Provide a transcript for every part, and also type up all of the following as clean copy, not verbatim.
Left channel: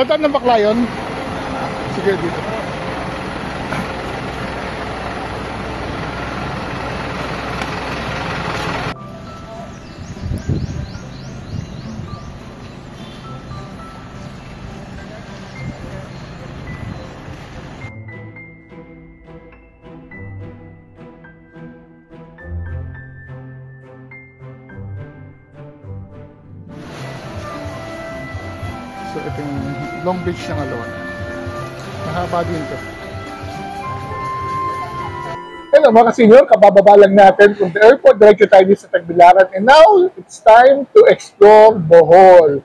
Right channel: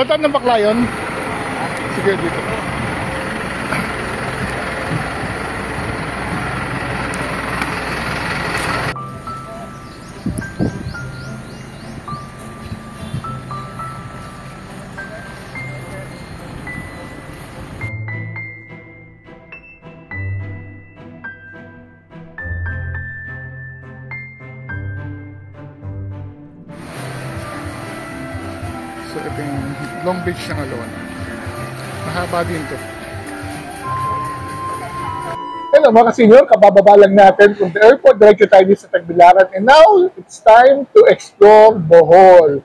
Dataan ng Baclayon? Sige, dito. So ito yung Long Beach ng Alona. Mahaba din ito. Hello mga senior, kabababa lang natin from the airport. Diretso tayo sa Tagbilaran. And now, it's time to explore Bohol.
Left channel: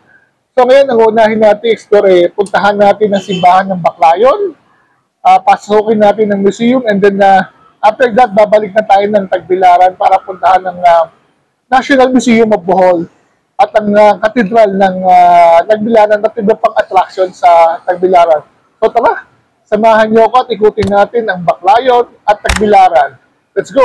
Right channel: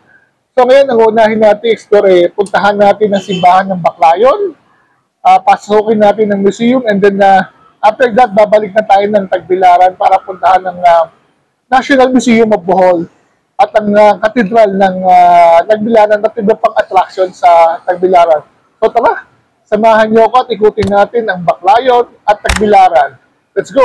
So ngayon, ang unahin natin explore, puntahan natin ang simbahan ng Baclayon. Pasukin natin ang museum. And then, after that, babalik na tayo ng Tagbilaran para puntahan ng National Museum of Bohol. At ang katedral ng Tagbilaran at iba pang attraction sa Tagbilaran. So tara, samahan niyo ako at ikutin natin ang Baclayon at Tagbilaran. Let's go!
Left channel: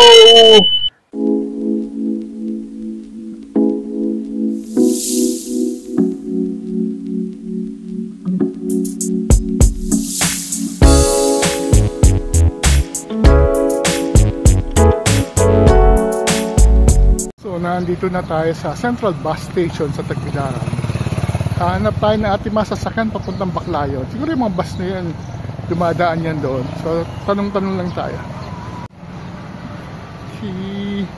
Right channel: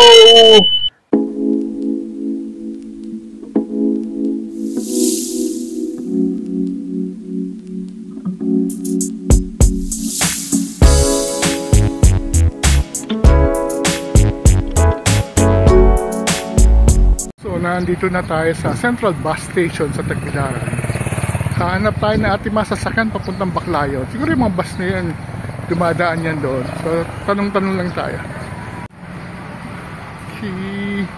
Nandito na tayo sa Central Bus Station sa Tagbilaran. Hanap tayo na ating masasakyan papuntang Baclayon. Siguro yung mga bus na yan, dumadaan yan doon. So, tanong-tanong lang tayo. Okay.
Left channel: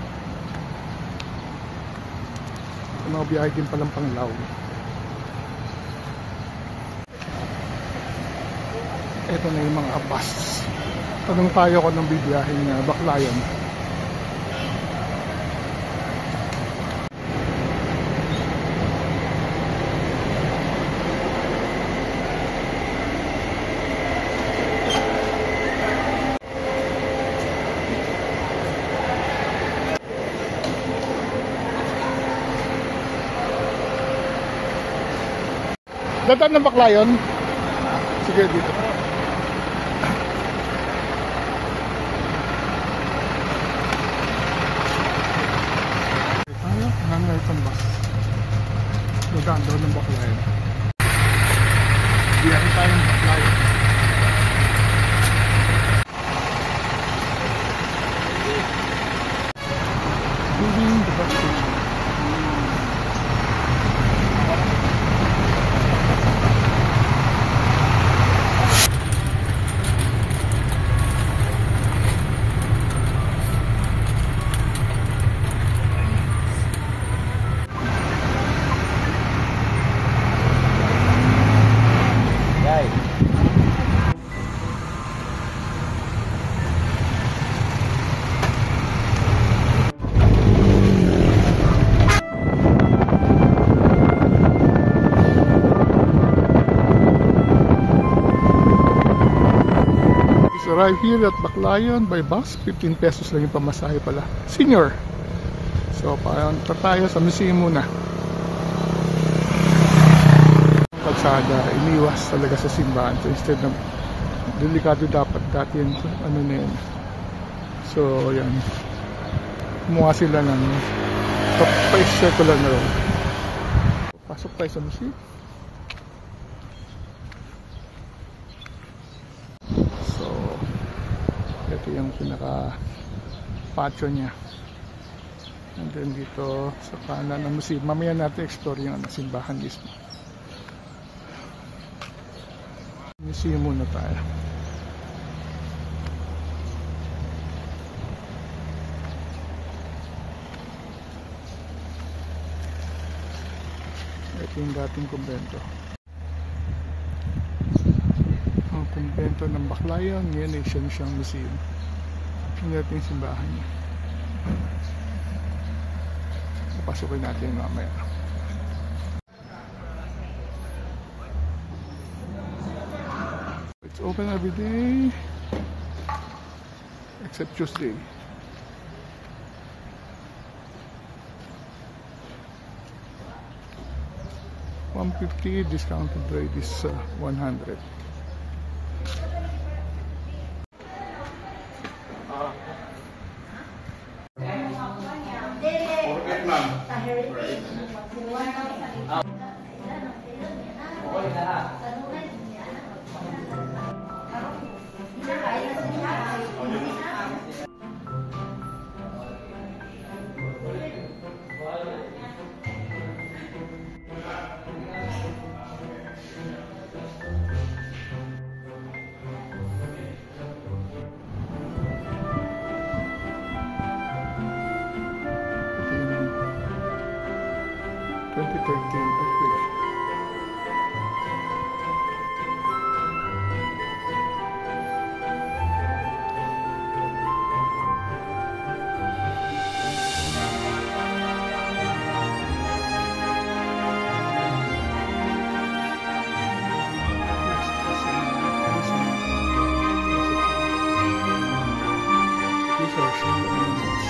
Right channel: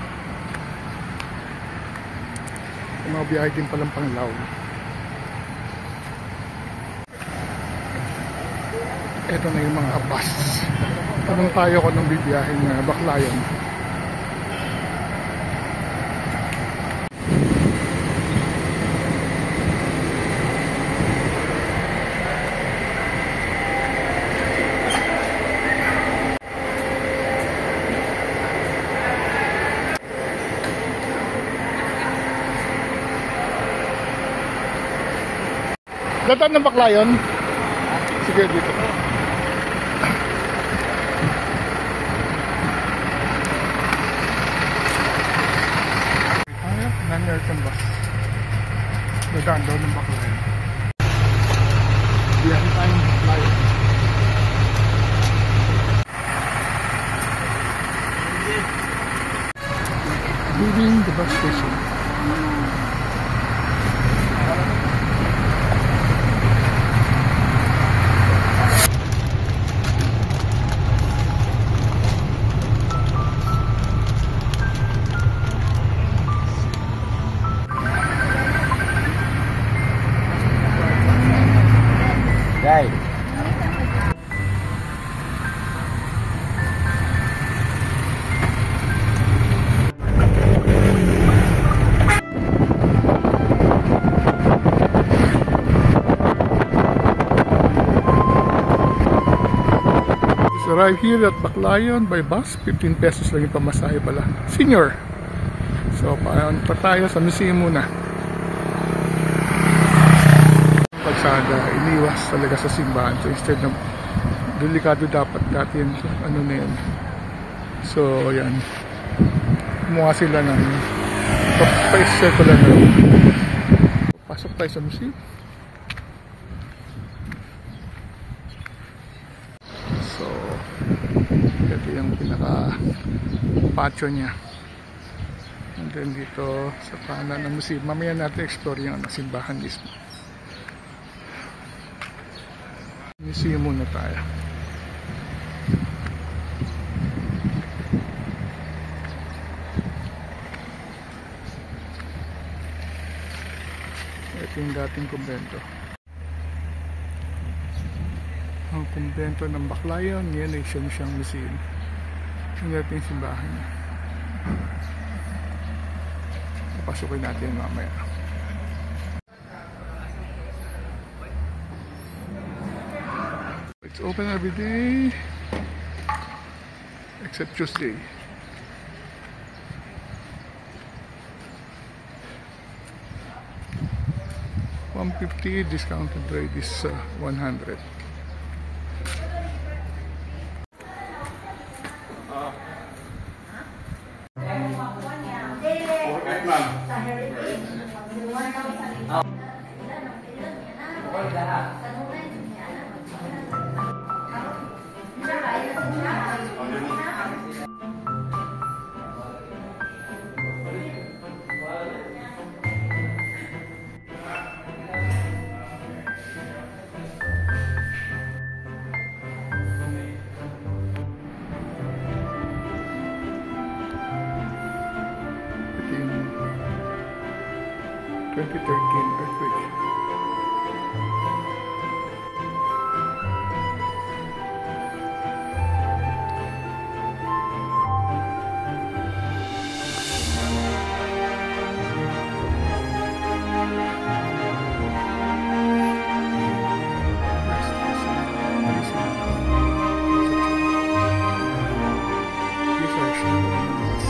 Mga biyahe din palang Panglao. Ito na yung mga bus. Tanong tayo kung anong bibiyaheng Baclayon. Dataan ng Baclayon? Sige, dito. Tayo, non-American bus. Dadaan daw ng Baclayon. Biyahe tayo ng Baclayon. Leaving the bus station. Arrive here at Baclayon by bus. 15 pesos lang yung pamasahe pala. Senior. So, paano tayo sa museum muna. Kalsada, iniwas talaga sa simbahan. So, instead ng delikado dapat dati yan. Ano na yan. So, yan. Kumuha sila ng pa-circular na road. Pasok tayo sa museum. Ito yung pinaka patio niya. And then dito sa kanan ng museum, mamaya natin explore yung simbahan mismo. Museum muna tayo. Ito yung dating kumbento. Ang kumbento ng Baclayon, ngayon ay siyang museum. Yung dating simbahan niya. Papasukin natin mamaya. It's open every day except Tuesday. $150, discounted rate is $100. Ito yung 2013 earthquake. These are some animals.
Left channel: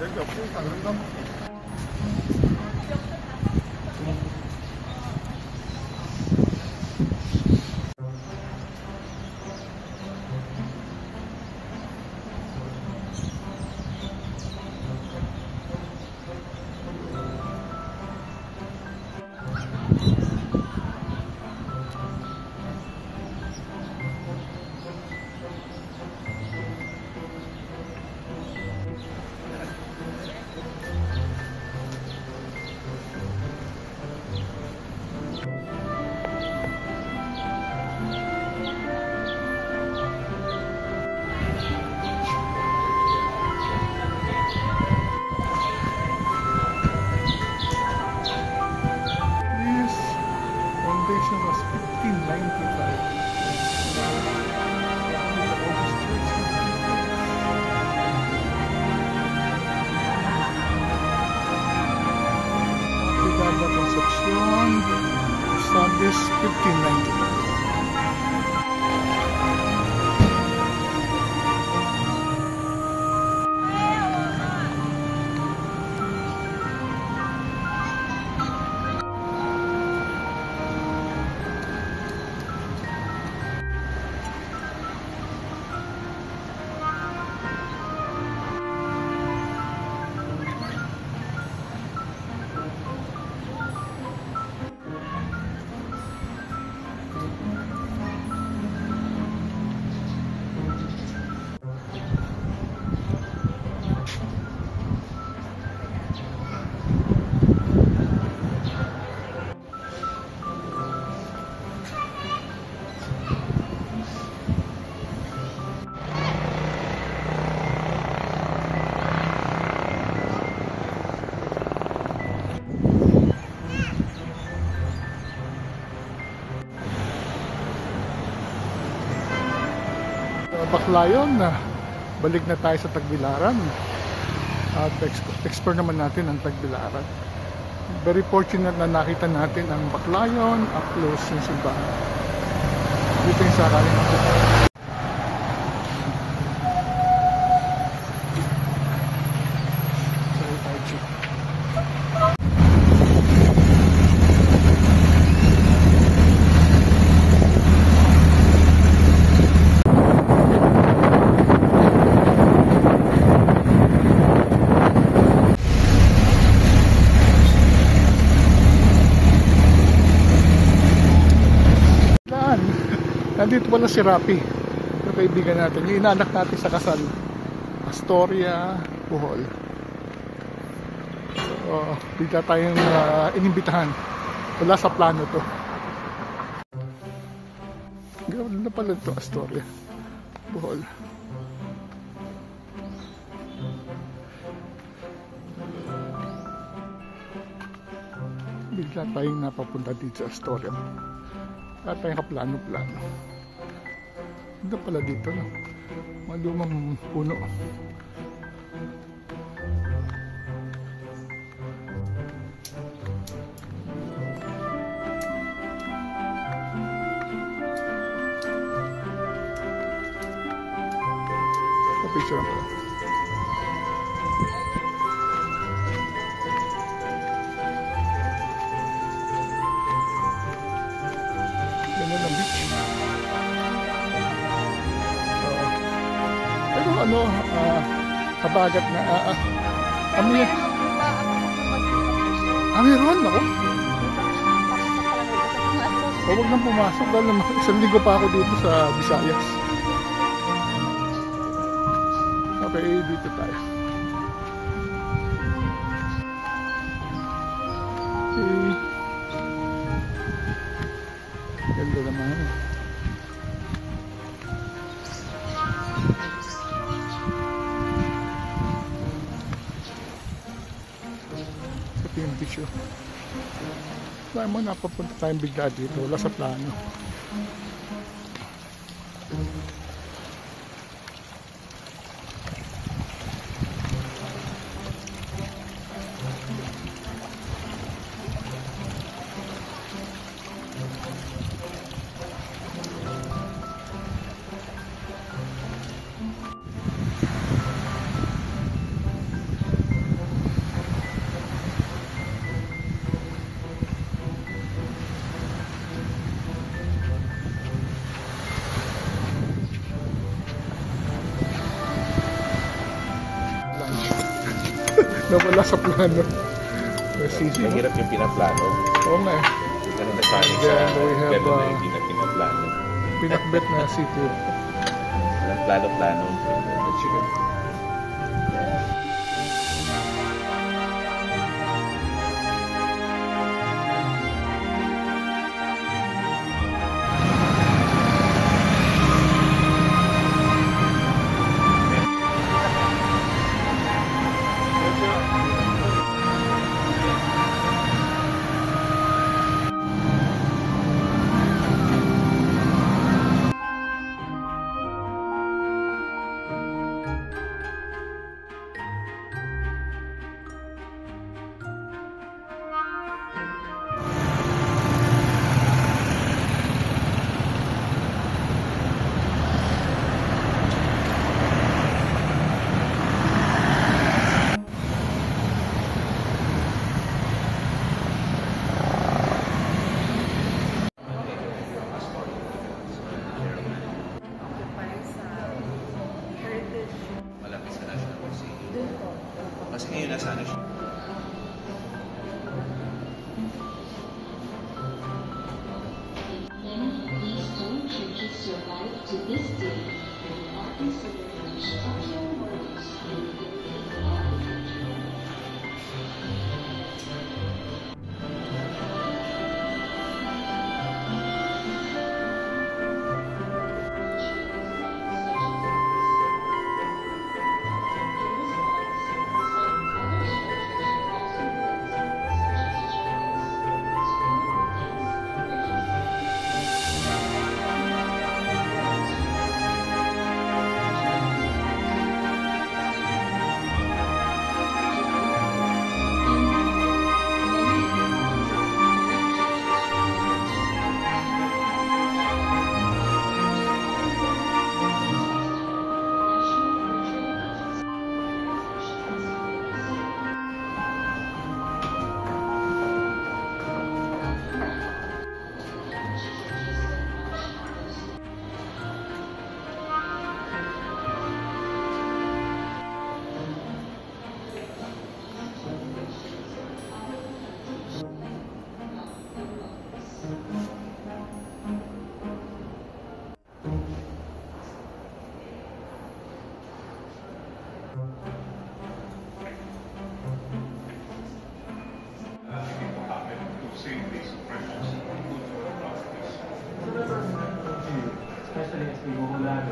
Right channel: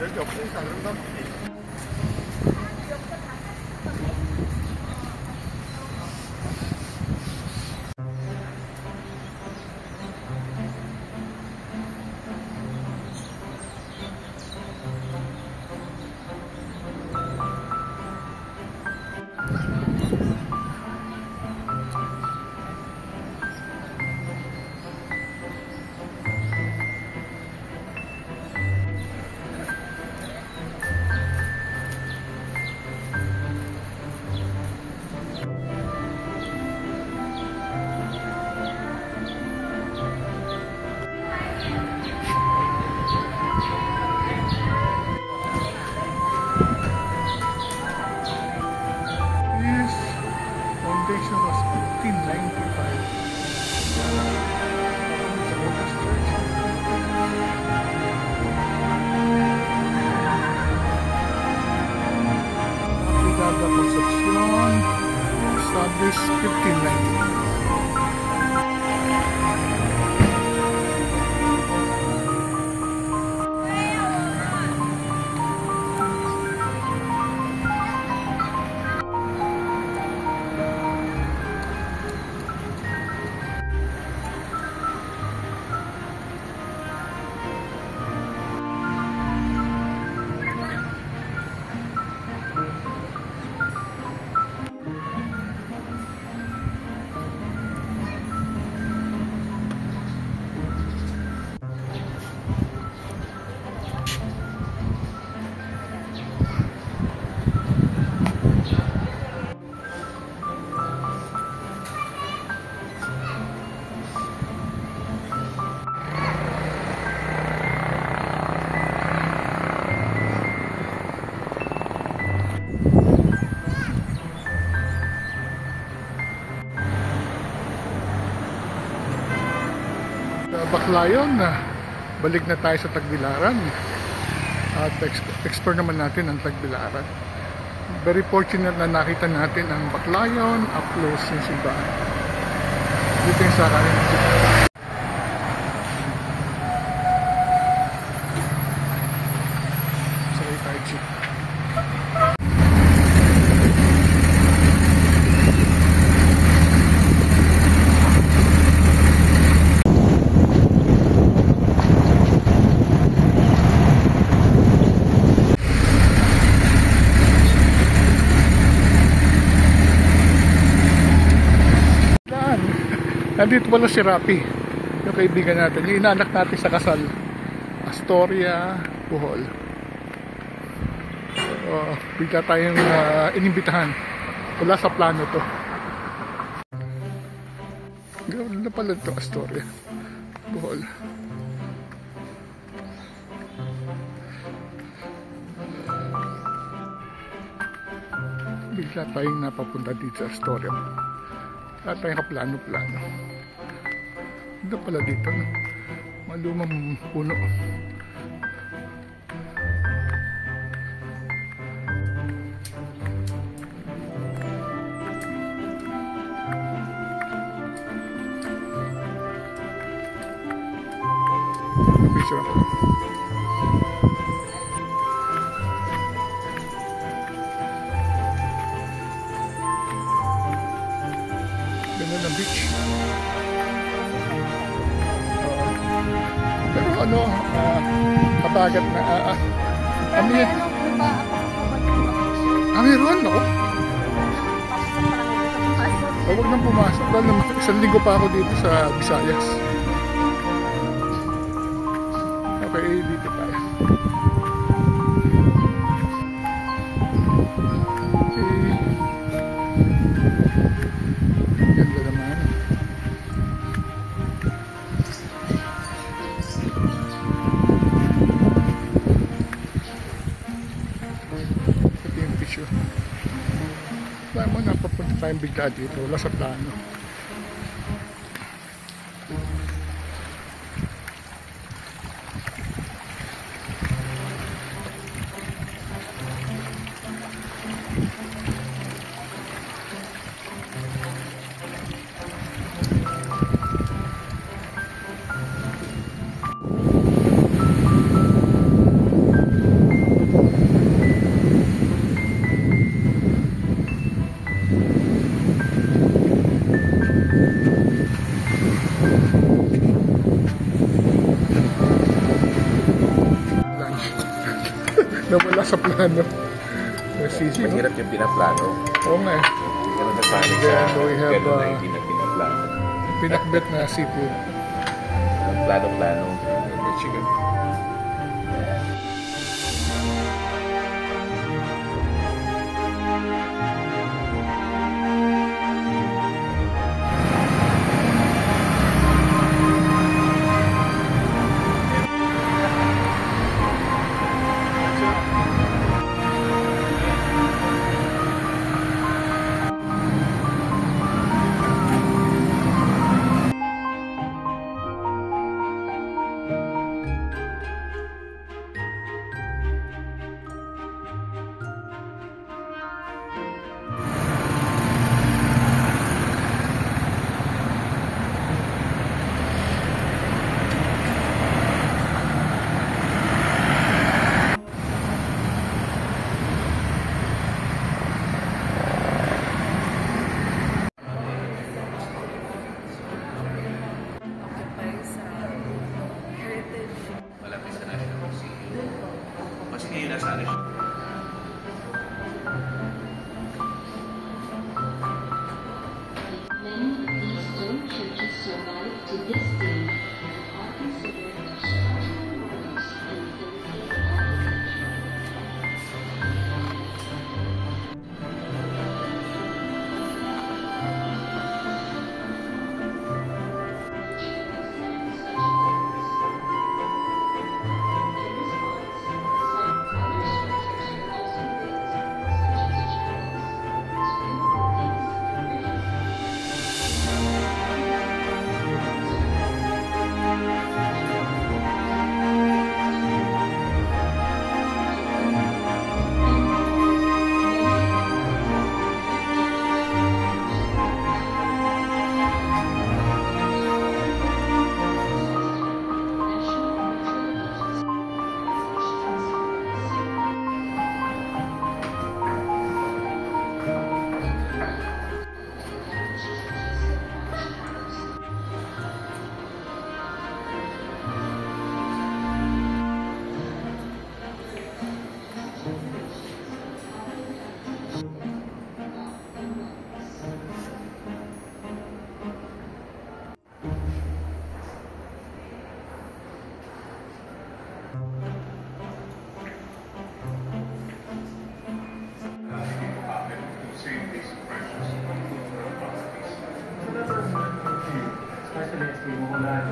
여기 없으니까 그런가 보지. Foundation was 1595. Probably the oldest church in the Philippines. Aplicada Concepcion, established 1595. Baclayon na balik na tayo sa Tagbilaran at explore naman natin ang Tagbilaran. Very fortunate na nakita natin ang Baclayon up close yung simbahan. Dito yung sakaling ng simbahan. Sorry tayo, Chief. Nandito pala si Rapi, yung kaibigan natin, yung inaanak natin sa kasal, Astoria, Bohol. So, bigla tayong inimbitahan. Wala sa plano to. Gawin na pala ito, Astoria, Bohol. Bigla tayong napapunta dito sa Astoria. At tayong kaplano-plano. Ito pala dito, no? Mga lumang puno. Picture ako. Ganda ng beach. Pero ano, kabagat na meron ako. Huwag nang pumasok dahil isang linggo pa ako dito sa Visayas. Okay, dito tayo. Okay. Ganda naman. Ito yung picture. Wala mo, napapunta tayong bigla dito. Wala sa plano. Nawala sa plano. Sisi, no? Mahirap yung pinaplano. Oo nga eh. Ganun nagpanik sa Then we have ganun na hindi na pinaplano. pinakbet na seafood. Walang plano-plano. The chicken. Mas ngayon nasa ano siya. Many Eastern churches survive to this day and are considered structural marks in the Especially as we go live,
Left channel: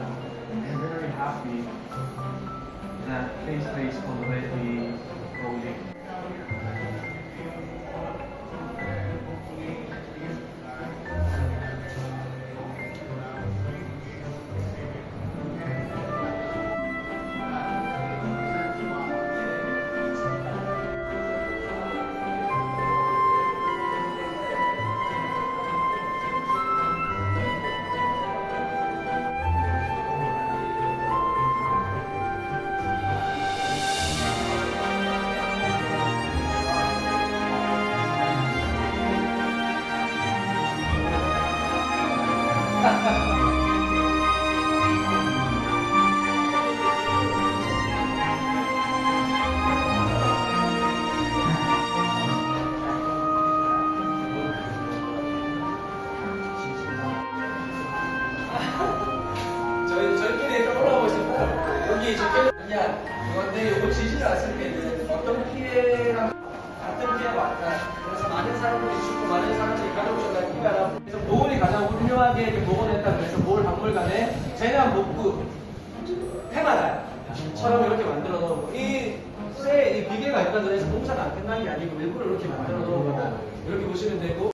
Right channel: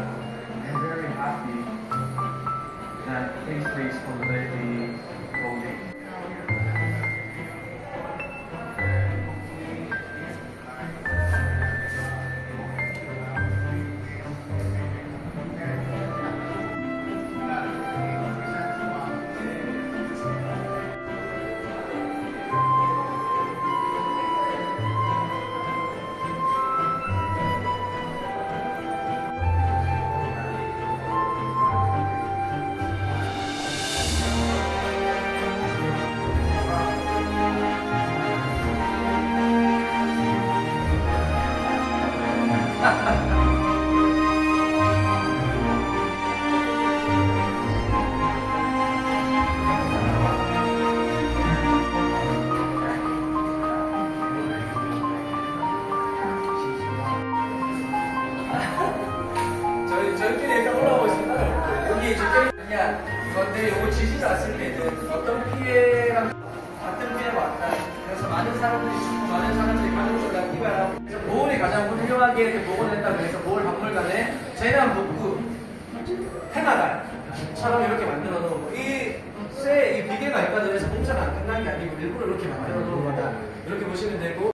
I'm very happy that face already rolling. 저희끼리 올라오고 있습니다. 여기 적혀 있냐? 근데 이거 지지를 않을 때 이제 어떤 피해랑 같은 피해가 왔다. 그래서 많은 사람들이 죽고 많은 사람들이 가족을 다 피해라고. 그래서 보훈이 가장 훌륭하게 복원했다. 그래서 보훈 박물관에 재난 복구 테마단처럼 이렇게 만들어 놓은 이 비계가 있다 그래서 공사가 안 끝난 게 아니고 일부러 이렇게 만들어 놓은 거다. 이렇게 보시면 되고.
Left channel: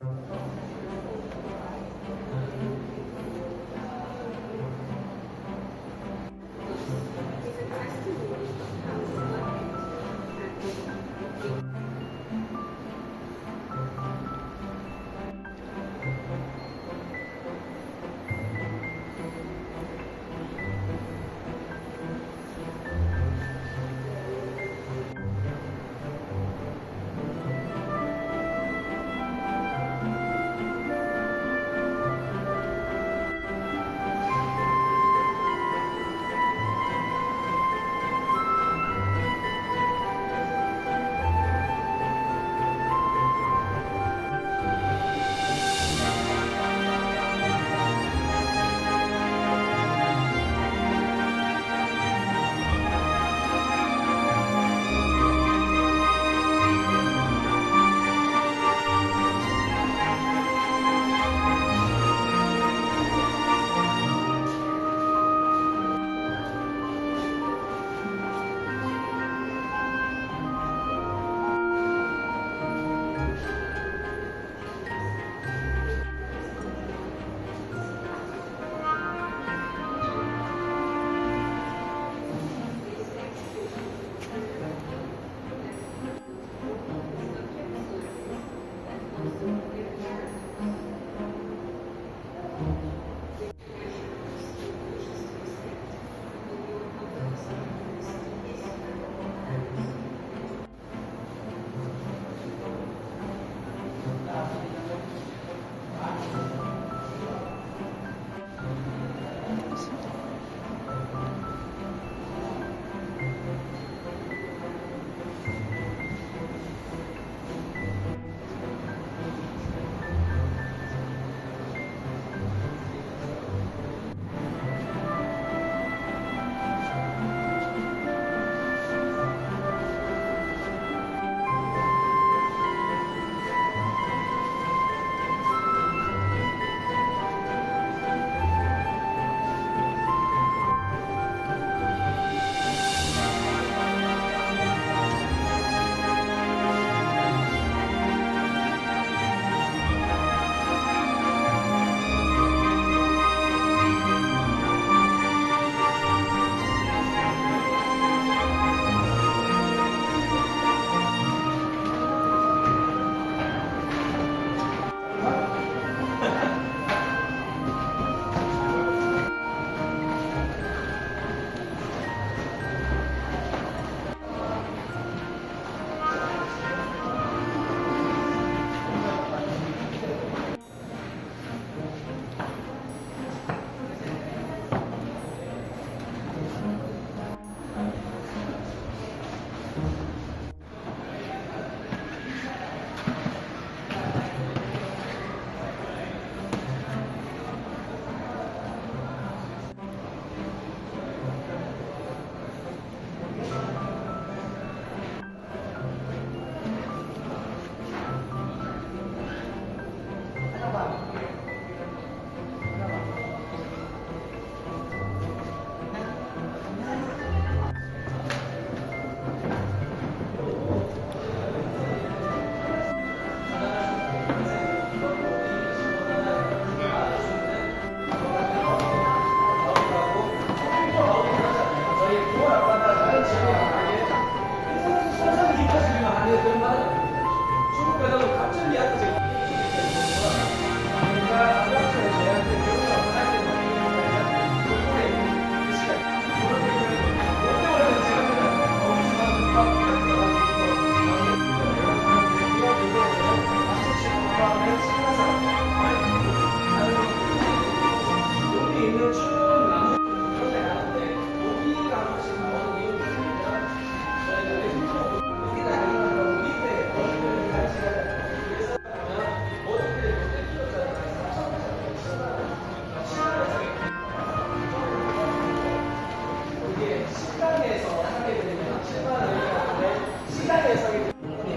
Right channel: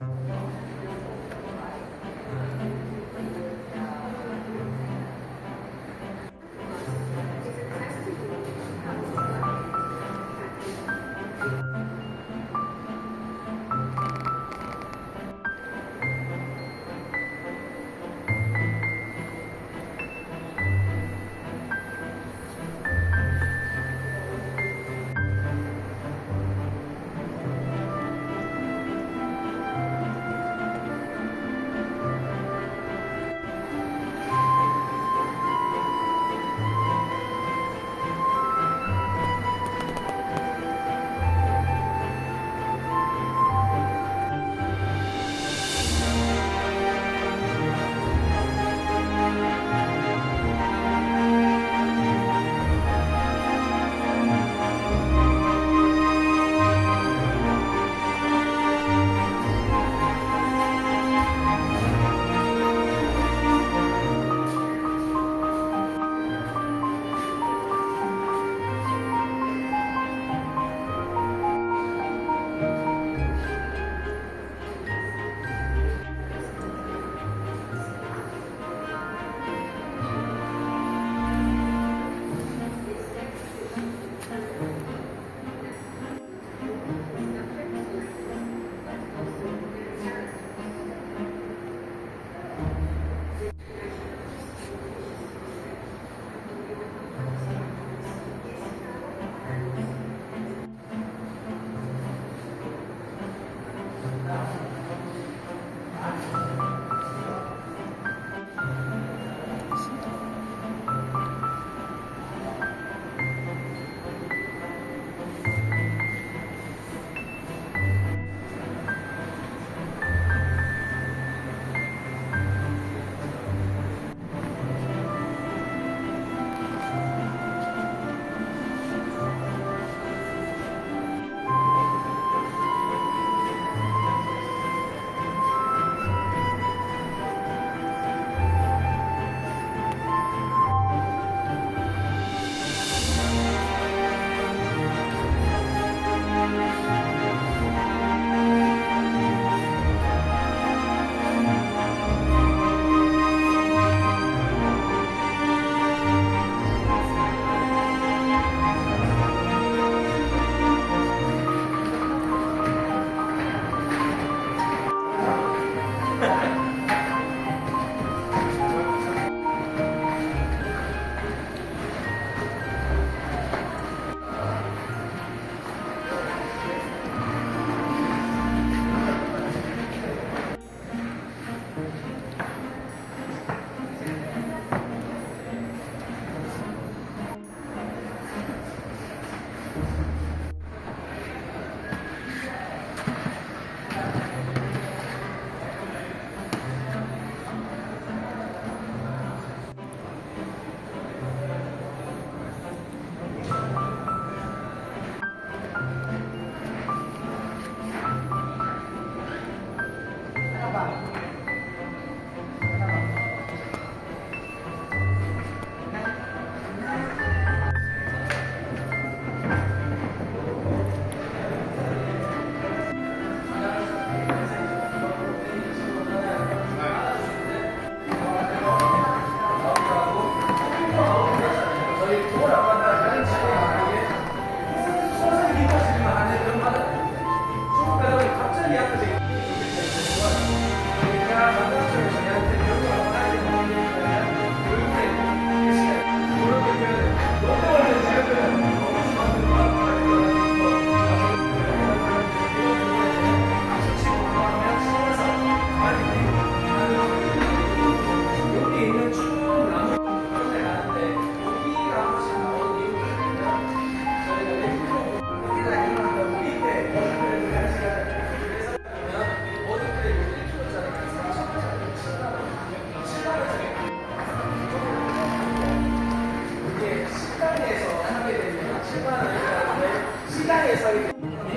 시장에서 하게 되면 7만 원이라는 건데 시장에서 하게 되면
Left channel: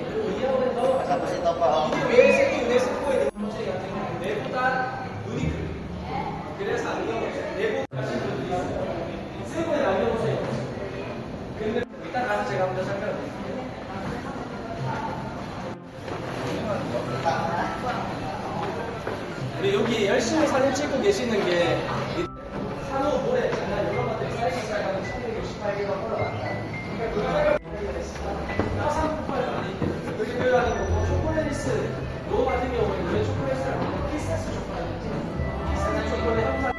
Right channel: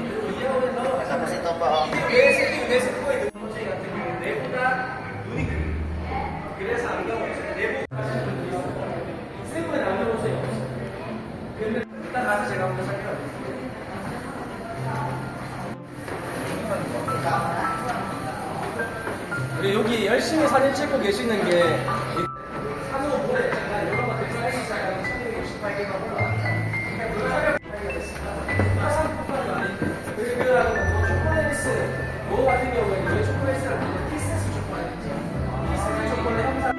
그리고 이어오면서 이게 왜 생긴 스코어의 문제 같은 경우 내보다 눈이 크고 그래서 안경을 내보다 하시는 분이 세부에 안경보세요. 근데 이따 가서 제가 한번 설명드릴게요. 우리 여기 열심히 사진 찍고 계시는 게 산후 모래 있잖아요. 이런 것들 사이즈 시작하면 1168개가 올라왔다. 그러니까 그 가격 화산폭발은 아닌데 여기 들어가는 거 초콜릿스 요 같은 경우에는 왜 초콜릿스를 하면 키세스 초콜릿이죠. 키세스 초콜릿 형상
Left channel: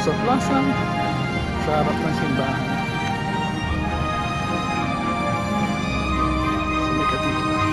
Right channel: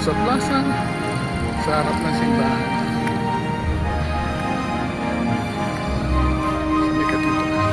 sa plaza, sa harap ng simbahan. Sa may katitulan.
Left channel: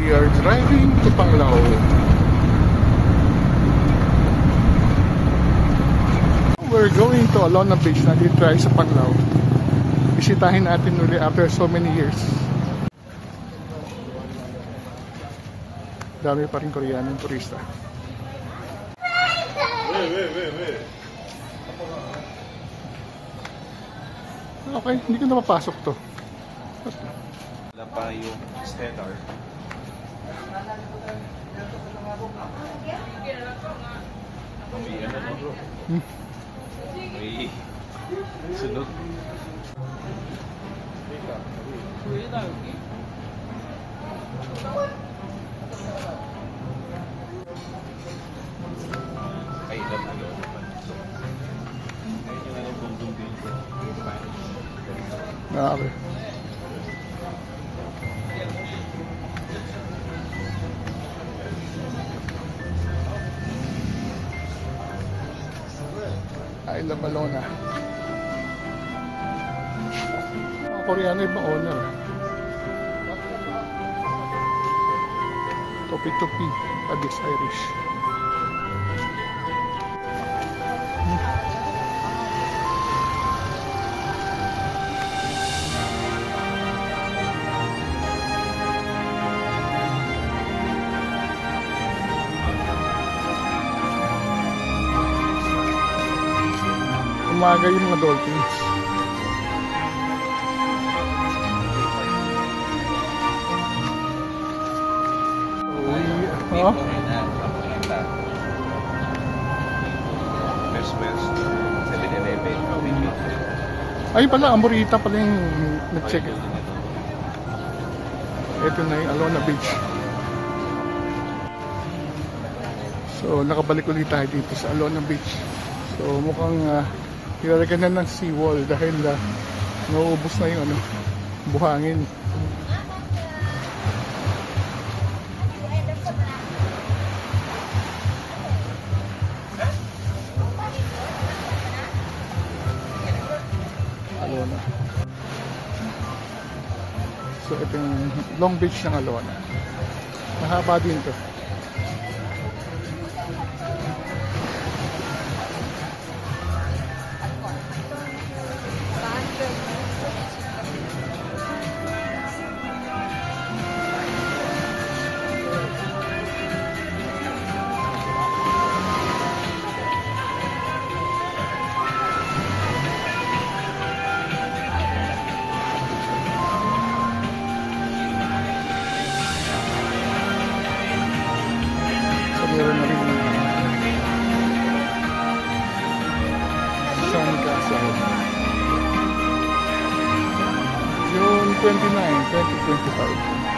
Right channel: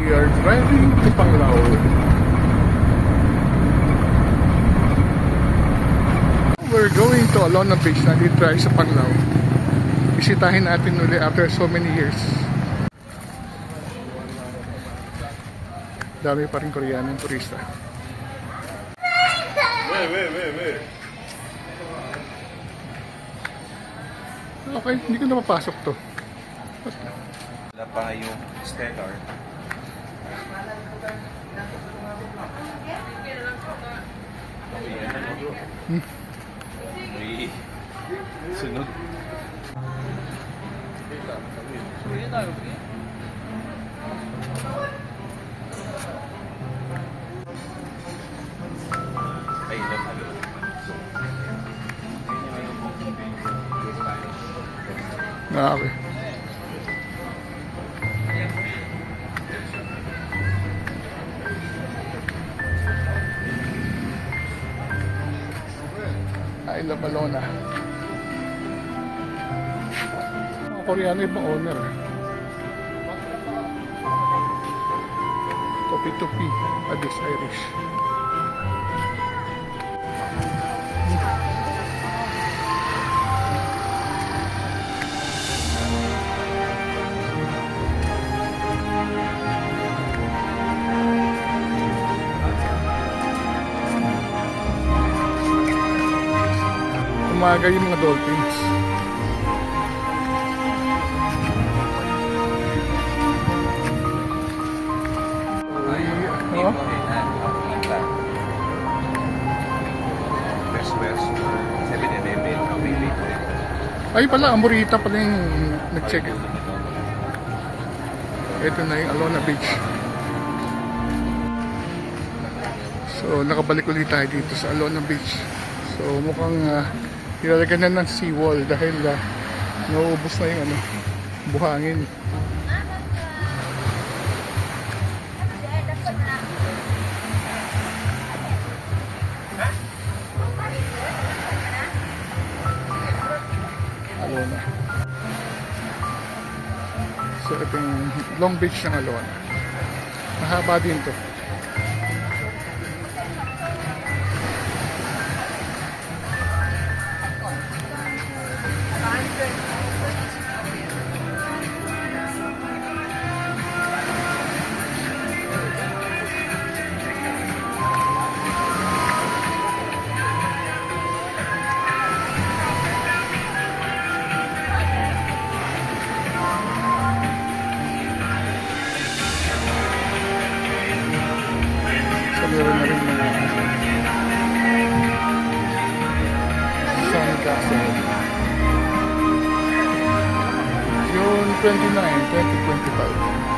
We are driving to Panglao. We're going to Alona Beach. Nandito tayo sa Panglao. Bisitahin natin uli after so many years. Dami pa rin Koreanong turista. Okay, hindi ko na mapasok to. Wala pa yung stellar. May sunod. Ay, ilan na yun. Ayun yung ano pong dito. Okay. Ay, La Balona. Mga Koreano ibang owner. Topi-topi. Addis Irish. Umaga yung mga dolphins. Oo. Henan, Papunta. West, 7-Eleven, Pagbibi. Ay pala, Amorita pala yung nag-check. Ito na yung Alona Beach. So, nakabalik ulit tayo dito sa Alona Beach. So, mukhang ilalagyan na ng seawall dahil nauubos na yung buhangin. Alona. So, ito yung Long Beach ng Alona. Mahaba din to. So, meron na rin mga Sandcastle. June 29, 2025.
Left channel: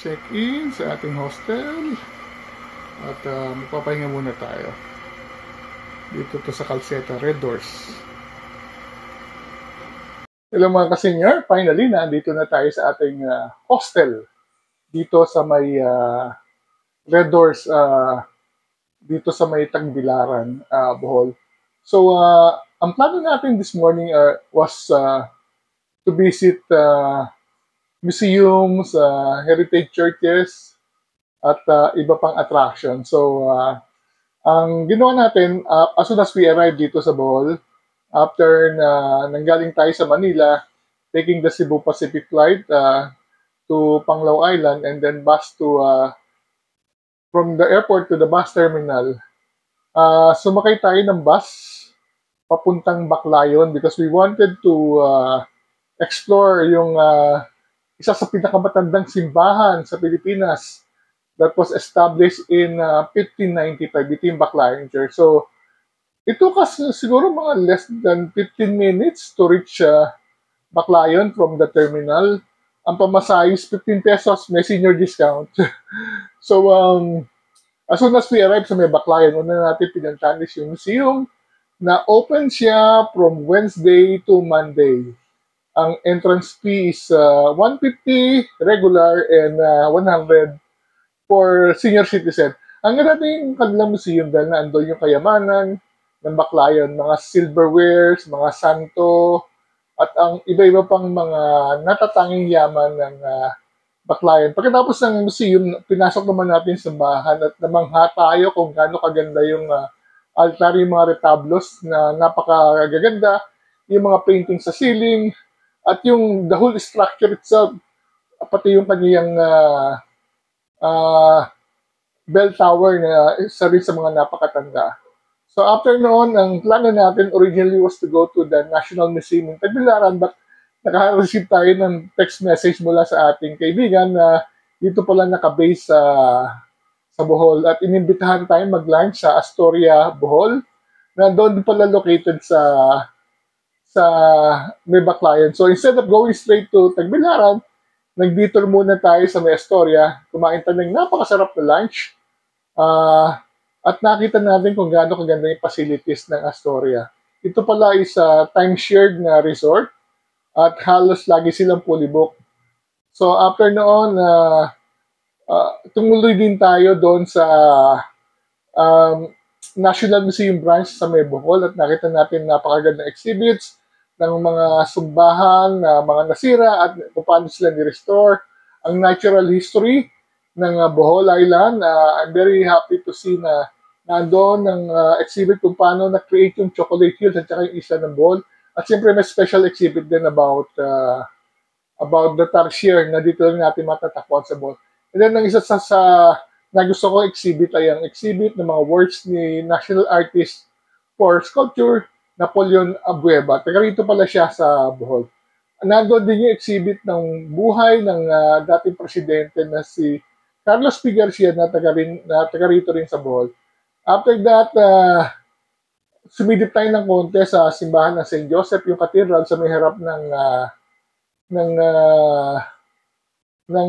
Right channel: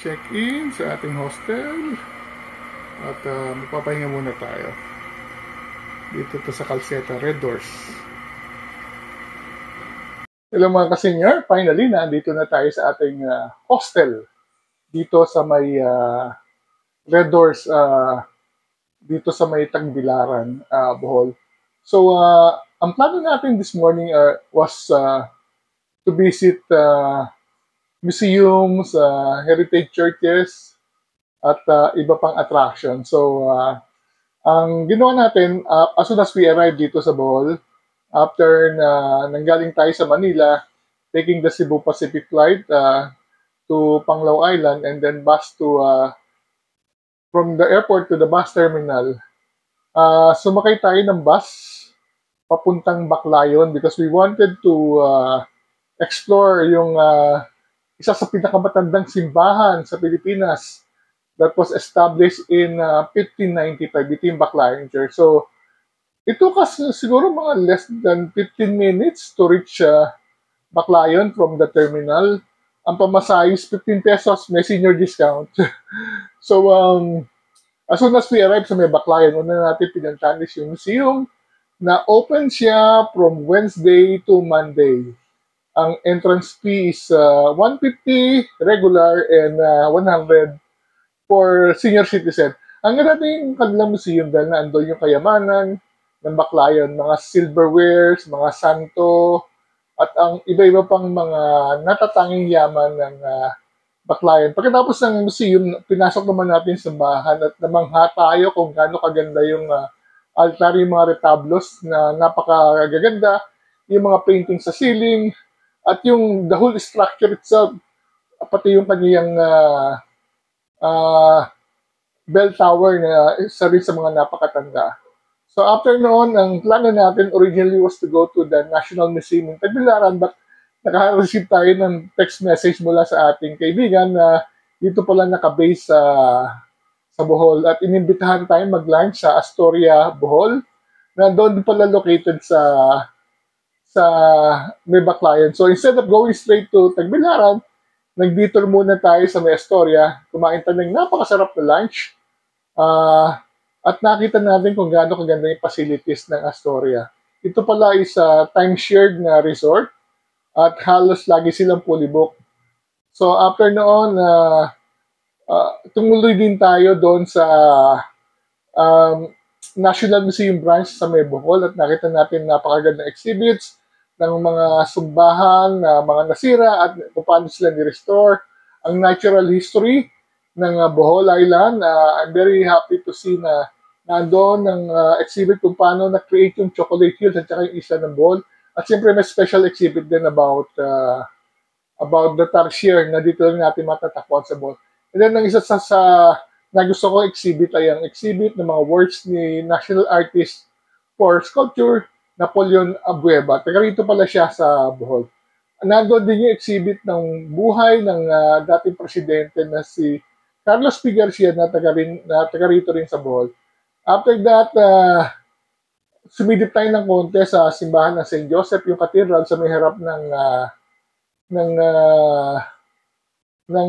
Check-in sa ating hostel at magpapahinga muna tayo dito to sa Calceta, Red Doors. Hello mga ka-senior, finally nandito na tayo sa ating hostel dito sa may Red Doors, dito sa may Tagbilaran, Bohol. So ang plano natin this morning was to visit museums, heritage churches, at iba pang attraction. So, ang ginawa natin, as soon as we arrived dito sa Bohol, after na nanggaling tayo sa Manila, taking the Cebu Pacific flight to Panglao Island, and then bus to, from the airport to the bus terminal, sumakay tayo ng bus papuntang Baclayon because we wanted to explore yung isa sa pinakamatandang simbahan sa Pilipinas that was established in 1595, ito yung Baclayon Church. So, it took us siguro mga less than 15 minutes to reach Baclayon from the terminal. Ang pamasahe is 15 pesos, may senior discount. So, As soon as we arrive sa may Baclayan, una natin pinuntahan is yung museum na open siya from Wednesday to Monday. Ang entrance fee is 150 regular and 100 for senior citizen. Ang ganda yung kanilang museum dahil na andun yung kayamanan ng Baclayan, mga silverwares, mga santo, at ang iba-iba pang mga natatanging yaman ng Baclayan. Pagkatapos ng museum, pinasok naman natin sa bahan at namangha tayo kung gaano kaganda yung altar, yung mga retablos na napakagaganda, yung mga painting sa ceiling, at yung the whole structure itself, pati yung kanyang bell tower na isa rin sa mga napakatanda. So after noon, ang plano natin originally was to go to the National Museum in Tagbilaran, but naka-receive tayo ng text message mula sa ating kaibigan na dito pala nakabase sa Bohol at inimbitahan tayo mag-lunch sa Astoria, Bohol, na doon pala located sa may Baclayan. So instead of going straight to Tagbilaran, nag-detour muna tayo sa may Astoria, kumain tayo ng napakasarap na lunch, at nakita natin kung gaano kaganda yung facilities ng Astoria. Ito pala is time-shared na resort, at halos lagi silang fully booked. So after noon, tumuloy din tayo doon sa National Museum branch sa may Bohol at nakita natin napakagandang exhibits ng mga sumbahan na mga nasira at kung paano sila ni-restore. Ang natural history ng Bohol Island. I'm very happy to see na nandoon ng exhibit kung paano na-create yung chocolate hills at saka yung isla ng Bohol. At siyempre may special exhibit din about the tarsier na dito lang natin matatakbuhan sa Bohol. And then ang isa sa na gusto ko exhibit ay ang exhibit ng mga works ni national artist for sculpture Napoleon Abueva. Taga rito pala siya sa Bohol. Nandoon din yung exhibit ng buhay ng dating presidente na si Carlos P. Garcia na taga rito rin sa Bohol. After that, sumidip tayo ng konti sa simbahan ng St. Joseph, yung cathedral sa may harap ng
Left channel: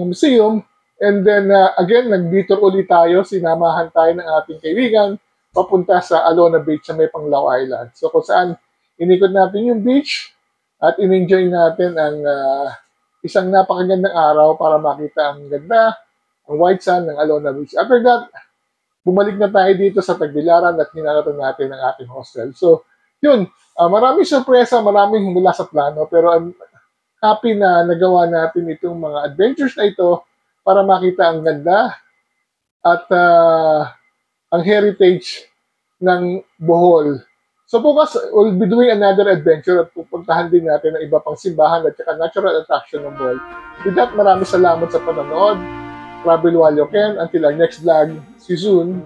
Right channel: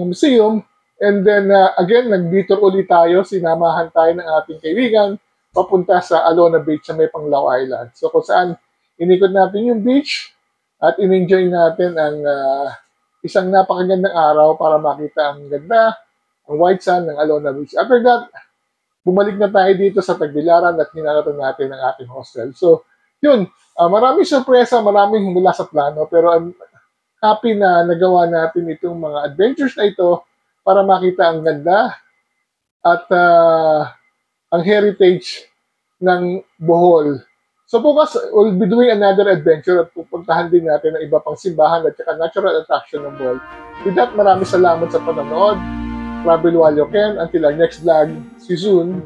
museum. And then, again, nag-detour ulit tayo, sinamahan tayo ng ating kaibigan, papunta sa Alona Beach sa may Panglao Island. So, kung saan inikot natin yung beach at in-enjoy natin ang isang napakagandang araw para makita ang ganda, ang white sand ng Alona Beach. After that, bumalik na tayo dito sa Tagbilaran at hinanatan natin ang ating hostel. So, yun, maraming sorpresa, maraming mula sa plano, pero I'm happy na nagawa natin itong mga adventures na ito para makita ang ganda at ang heritage ng Bohol. So bukas, we'll be doing another adventure at pupuntahan din natin ang iba pang simbahan at saka natural attraction ng Bohol. With that, maraming salamat sa panonood. Travel while you can. Until our next vlog, see you soon.